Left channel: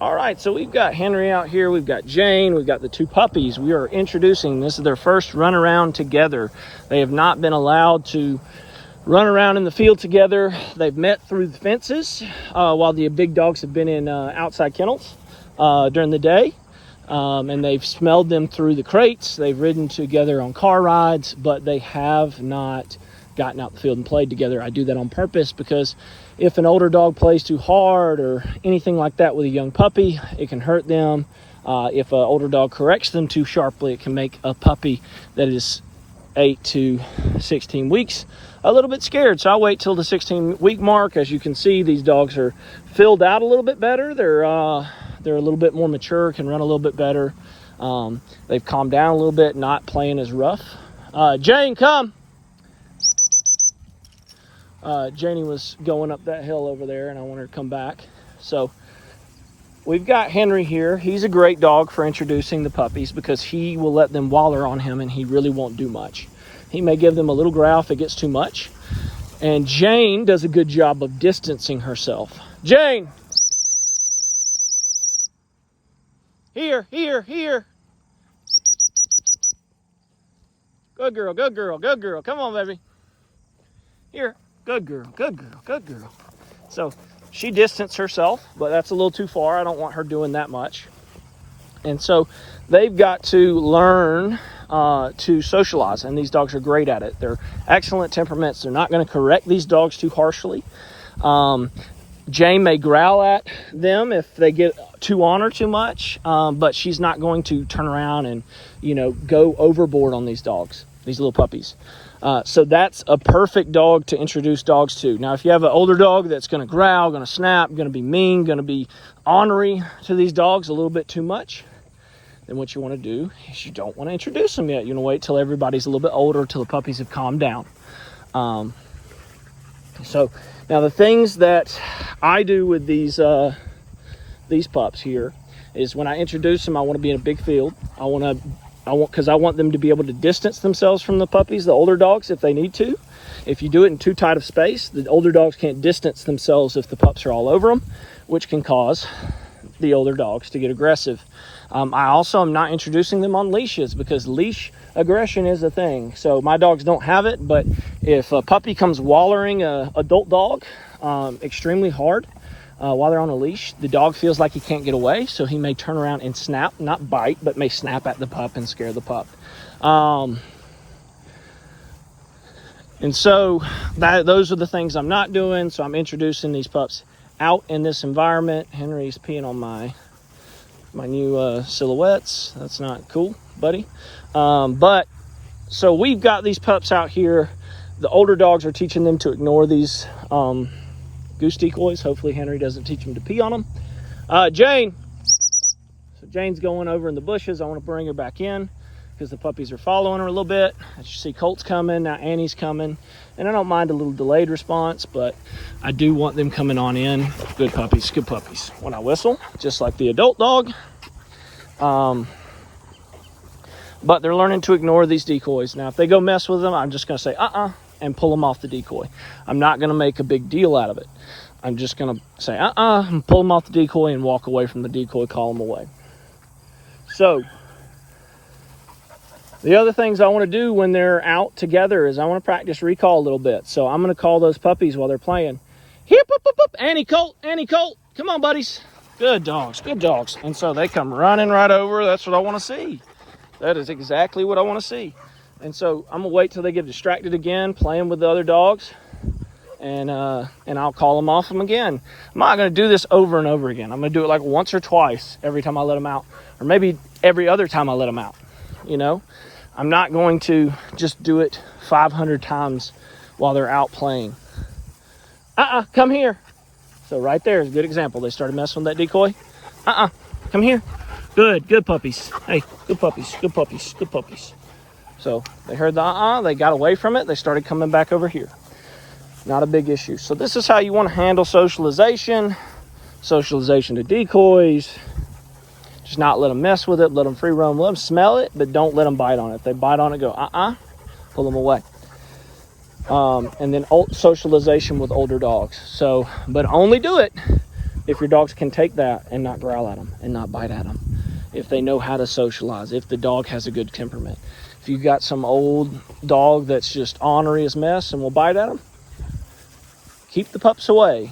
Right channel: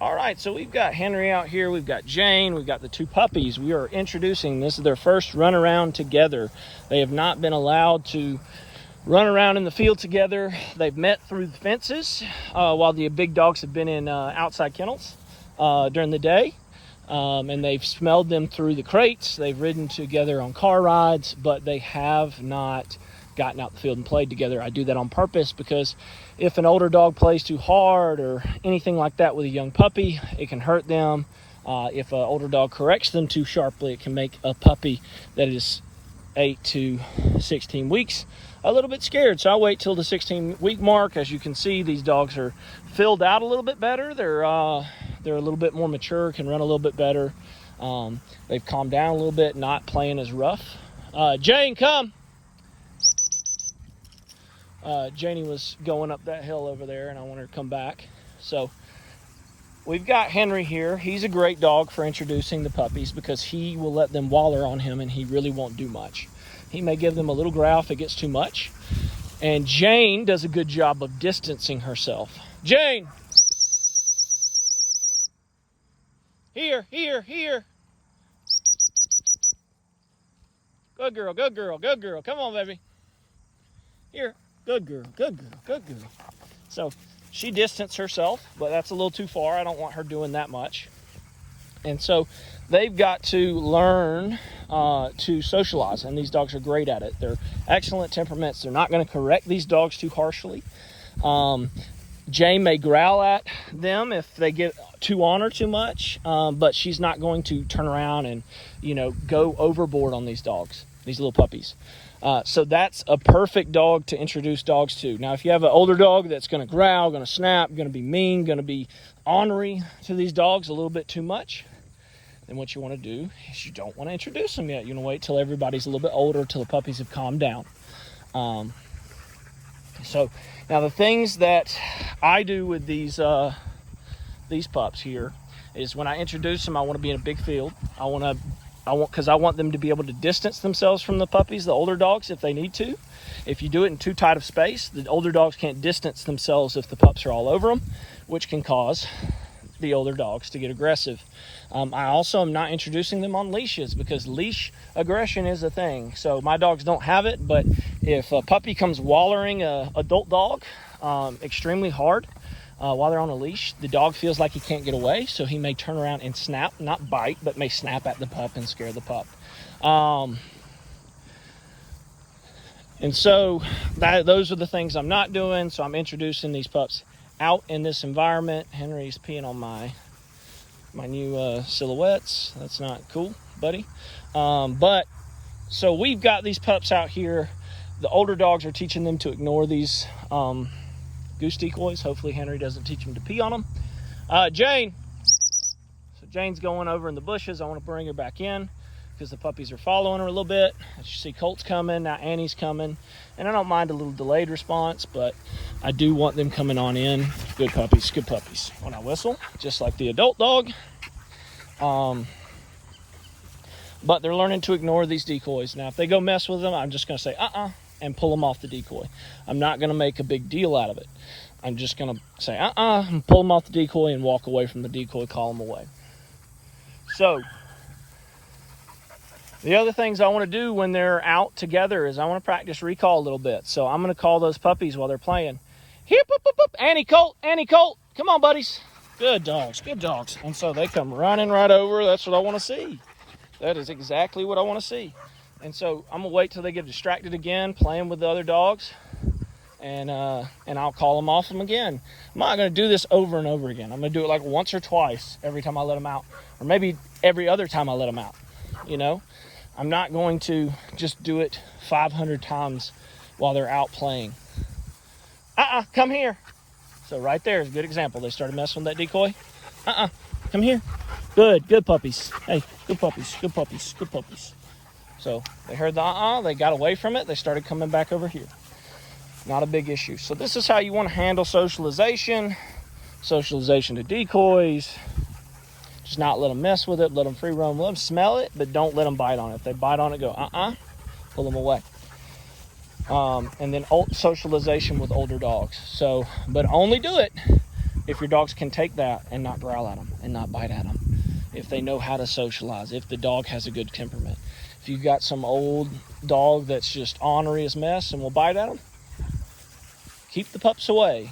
All right, so we've got Henry out here, we've got Jane, we've got the two puppies. We are introducing, this is their first run around together. They have not been allowed to run around in the field together. They've met through the fences while the big dogs have been in outside kennels during the day. And they've smelled them through the crates. They've ridden together on car rides, but they have not gotten out the field and played together. I do that on purpose because if an older dog plays too hard or anything like that with a young puppy, it can hurt them. If an older dog corrects them too sharply, it can make a puppy that is 8 to 16 weeks a little bit scared. So I'll wait till the 16-week mark. As you can see, these dogs are filled out a little bit better. They're a little bit more mature, can run a little bit better. They've calmed down a little bit, not playing as rough. Jane, come. Janie was going up that hill over there and I want her to come back. So we've got Henry here. He's a great dog for introducing the puppies because he will let them waller on him and he really won't do much. He may give them a little growl if it gets too much. And Jane does a good job of distancing herself. Jane! Here, here, here. Good girl, good girl, good girl. Come on, baby. Here. Good girl, good girl, good girl. So she distanced herself, but that's a little too far. I don't want her doing that much. And so they've got to learn to socialize, and these dogs are great at it. They're excellent temperaments. They're not going to correct these dogs too harshly. Jane may growl at them if they get too on her too much, but she's not going to turn around and, go overboard on these dogs, these little puppies. So that's a perfect dog to introduce dogs to. Now, if you have an older dog that's going to growl, going to snap, going to be mean, going to be ornery to these dogs a little bit too much, then what you want to do is you don't want to introduce them yet. You want to wait till everybody's a little bit older, till the puppies have calmed down. So now the things that I do with these pups here is when I introduce them, I want to be in a big field. Because I want them to be able to distance themselves from the puppies, the older dogs, if they need to. If you do it in too tight of space, the older dogs can't distance themselves if the pups are all over them, which can cause the older dogs to get aggressive. I also am not introducing them on leashes because leash aggression is a thing. So my dogs don't have it, but if a puppy comes wallering an adult dog extremely hard, while they're on a leash, the dog feels like he can't get away, so he may turn around and snap, not bite, but may snap at the pup and scare the pup. And so those are the things I'm not doing. So I'm introducing these pups out in this environment. Henry's peeing on my new silhouettes. That's not cool, buddy. But so we've got these pups out here. The older dogs are teaching them to ignore these goose decoys. Hopefully Henry doesn't teach him to pee on them. Jane. So Jane's going over in the bushes. I want to bring her back in because the puppies are following her a little bit. As you see, Colt's coming, now Annie's coming. And I don't mind a little delayed response, but I do want them coming on in. Good puppies, good puppies. When I whistle, just like the adult dog. But they're learning to ignore these decoys. Now, if they go mess with them, I'm just gonna say, and pull them off the decoy. I'm not gonna make a big deal out of it. I'm just gonna say, and pull them off the decoy and walk away from the decoy, call them away. So, the other things I want to do when they're out together is I want to practice recall a little bit. So I'm going to call those puppies while they're playing. Hip, up, up, up. Annie, Colt, come on, buddies. Good dogs, good dogs. And so they come running right over. That's what I want to see. That is exactly what I want to see. And so I'm going to wait till they get distracted again, playing with the other dogs. And I'll call them off them again. I'm not going to do this over and over again. I'm going to do it like once or twice every time I let them out. Or maybe every other time I let them out. I'm not going to just do it 500 times while they're out playing. Come here. So right there is a good example. They started messing with that decoy. Come here. Good puppies. Hey, good puppies, good puppies, good puppies. So they heard the they got away from it. They started coming back over here. Not a big issue. So this is how you want to handle socialization. Socialization to decoys. Just not let them mess with it, let them free roam, let them smell it, but don't let them bite on it. If they bite on it, go, pull them away. And then socialization with older dogs. So, but only do it if your dogs can take that and not growl at them and not bite at them, if they know how to socialize, if the dog has a good temperament. If you've got some old dog that's just ornery as mess and will bite at them, keep the pups away.